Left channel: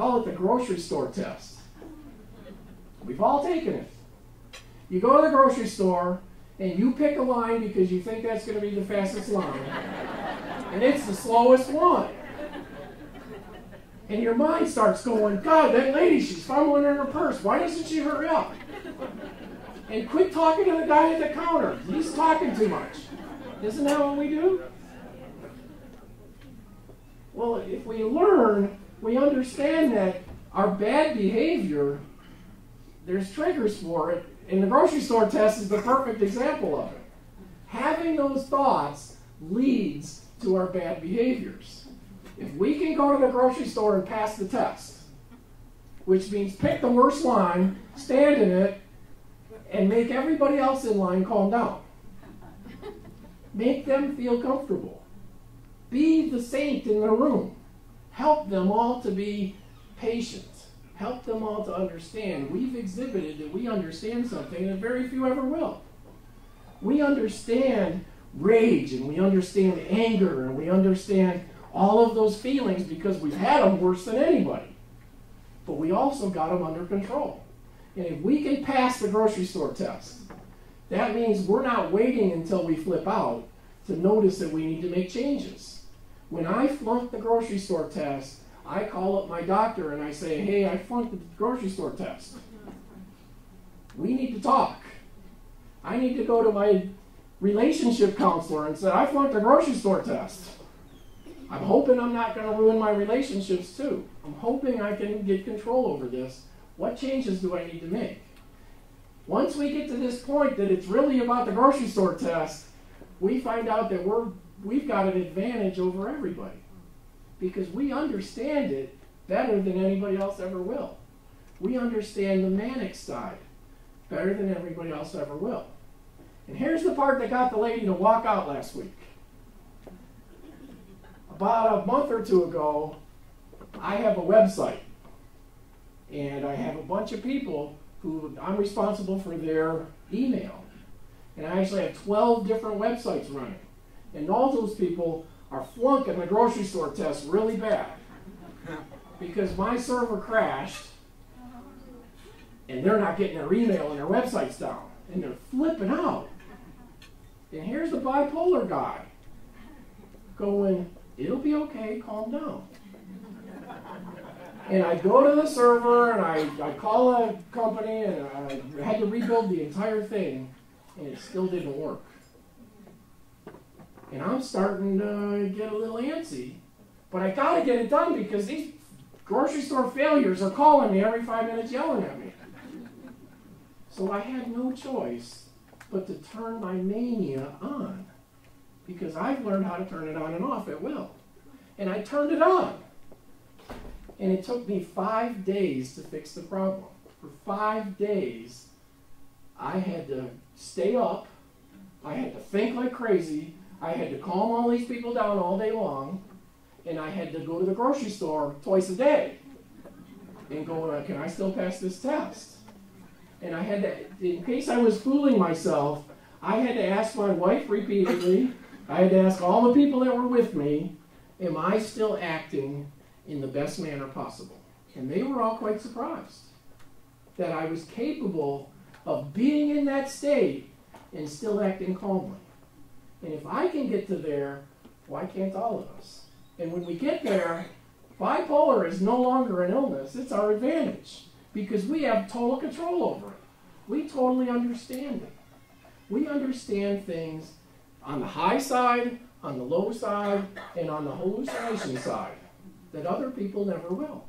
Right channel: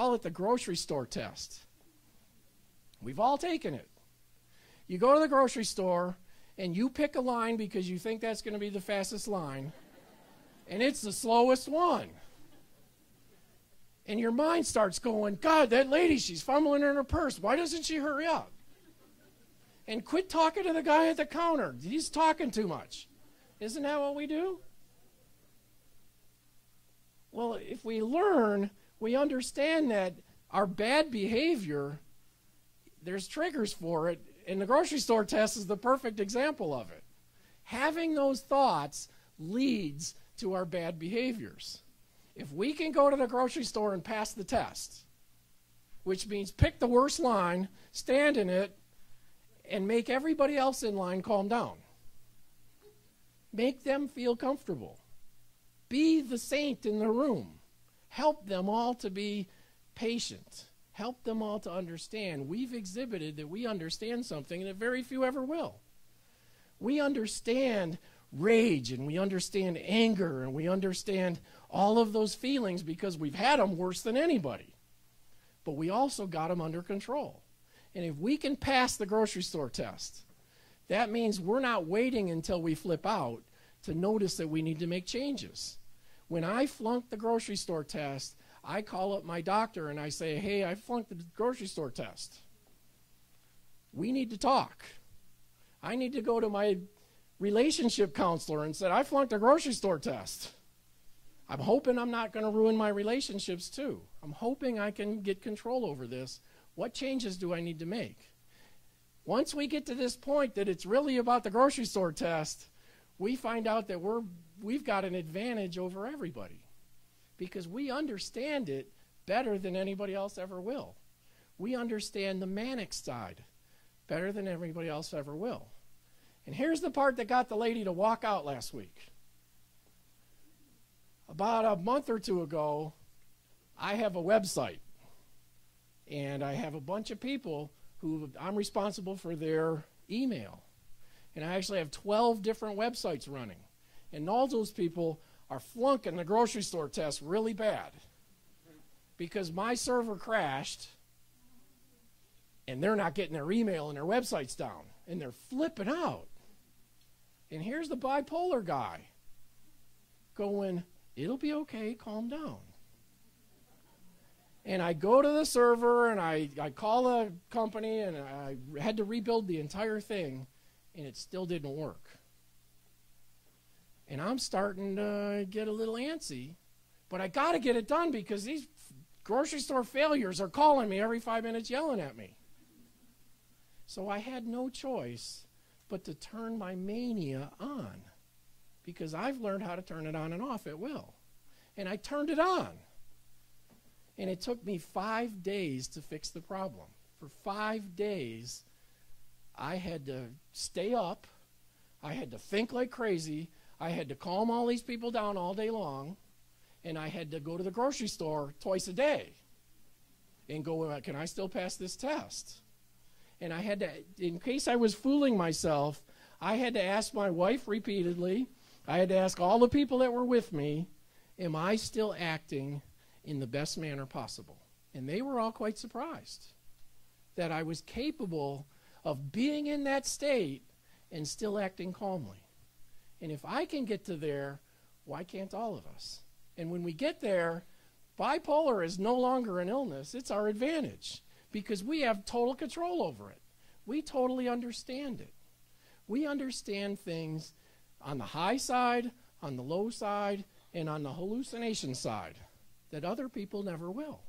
call it the grocery store test. We've all taken it. You go to the grocery store, and you pick a line because you think that's going to be the fastest line, and it's the slowest one. And your mind starts going, God, that lady, she's fumbling in her purse. Why doesn't she hurry up? And quit talking to the guy at the counter. He's talking too much. Isn't that what we do? Well, if we learn, we understand that our bad behavior, there's triggers for it, and the grocery store test is the perfect example of it. Having those thoughts leads to our bad behaviors. If we can go to the grocery store and pass the test, which means pick the worst line, stand in it, and make everybody else in line calm down. Make them feel comfortable. Be the saint in the room. Help them all to be patient. Help them all to understand. We've exhibited that we understand something, and very few ever will. We understand rage, and we understand anger, and we understand all of those feelings because we've had them worse than anybody. But we also got them under control. And if we can pass the grocery store test, that means we're not waiting until we flip out to notice that we need to make changes. When I flunked the grocery store test, I call up my doctor and I say, hey, I flunked the grocery store test. We need to talk. I need to go to my relationship counselor and say, I flunked the grocery store test. I'm hoping I'm not going to ruin my relationships too. I'm hoping I can get control over this. What changes do I need to make? Once we get to this point that it's really about the grocery store test, we find out that we've got an advantage over everybody because we understand it better than anybody else ever will. We understand the manic side better than everybody else ever will. And here's the part that got the lady to walk out last week. About a month or two ago, I have a website. And I have a bunch of people who I'm responsible for their email. And I actually have 12 different websites running. And all those people are flunking the grocery store test really bad. Because my server crashed, and they're not getting their email and their websites down. And they're flipping out. And here's the bipolar guy going, it'll be okay, calm down. And I go to the server, and I call a company, and I had to rebuild the entire thing, and it still didn't work. And I'm starting to get a little antsy. But I got to get it done because these grocery store failures are calling me every 5 minutes yelling at me. So I had no choice but to turn my mania on because I've learned how to turn it on and off at will. And I turned it on. And it took me 5 days to fix the problem. For 5 days, I had to stay up. I had to think like crazy. I had to calm all these people down all day long. And I had to go to the grocery store twice a day and go, can I still pass this test? And I had to, in case I was fooling myself, I had to ask my wife repeatedly. I had to ask all the people that were with me, am I still acting in the best manner possible? And they were all quite surprised that I was capable of being in that state and still acting calmly. And if I can get to there, why can't all of us? And when we get there, bipolar is no longer an illness, it's our advantage because we have total control over it. We totally understand it. We understand things on the high side, on the low side, and on the hallucination side that other people never will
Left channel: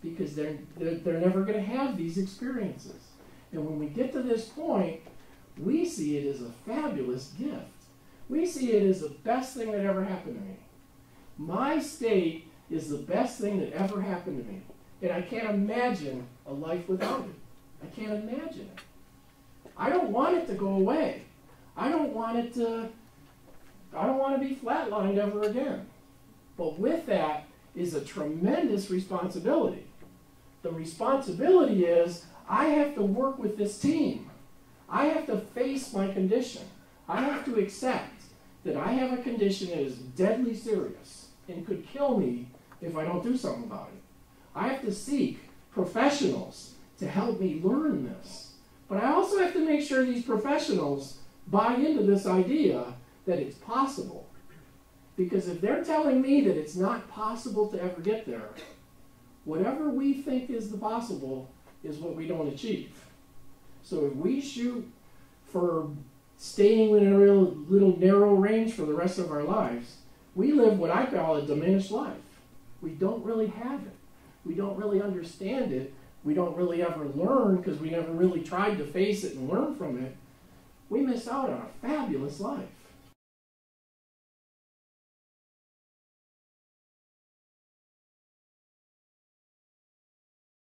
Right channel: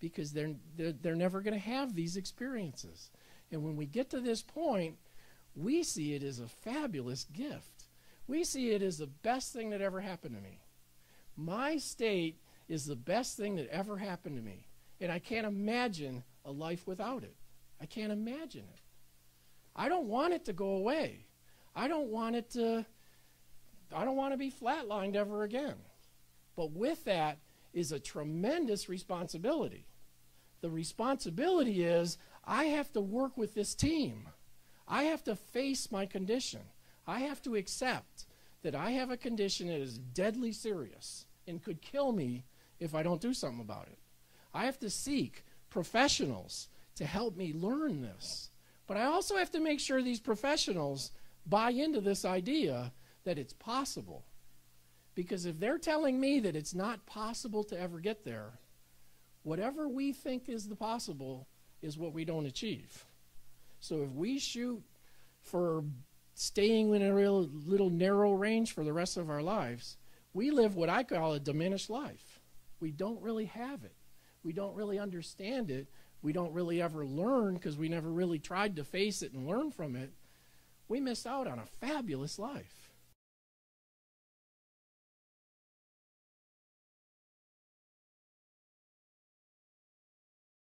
because they're never going to have these experiences. And when we get to this point, we see it as a fabulous gift. We see it as the best thing that ever happened to me. My state is the best thing that ever happened to me. And I can't imagine a life without it. I can't imagine it. I don't want it to go away. I don't want to be flatlined ever again. But with that is a tremendous responsibility. The responsibility is I have to work with this team. I have to face my condition. I have to accept that I have a condition that is deadly serious and could kill me if I don't do something about it. I have have to seek professionals to help me learn this. But I also have to make sure these professionals buy into this idea that it's possible. Because if they're telling me that it's not possible to ever get there, whatever we think is the possible is what we don't achieve. So if we shoot for staying in a real little narrow range for the rest of our lives, we live what I call a diminished life. We don't really have it. We don't really understand it. We don't really ever learn because we never really tried to face it and learn from it. We miss out on a fabulous life.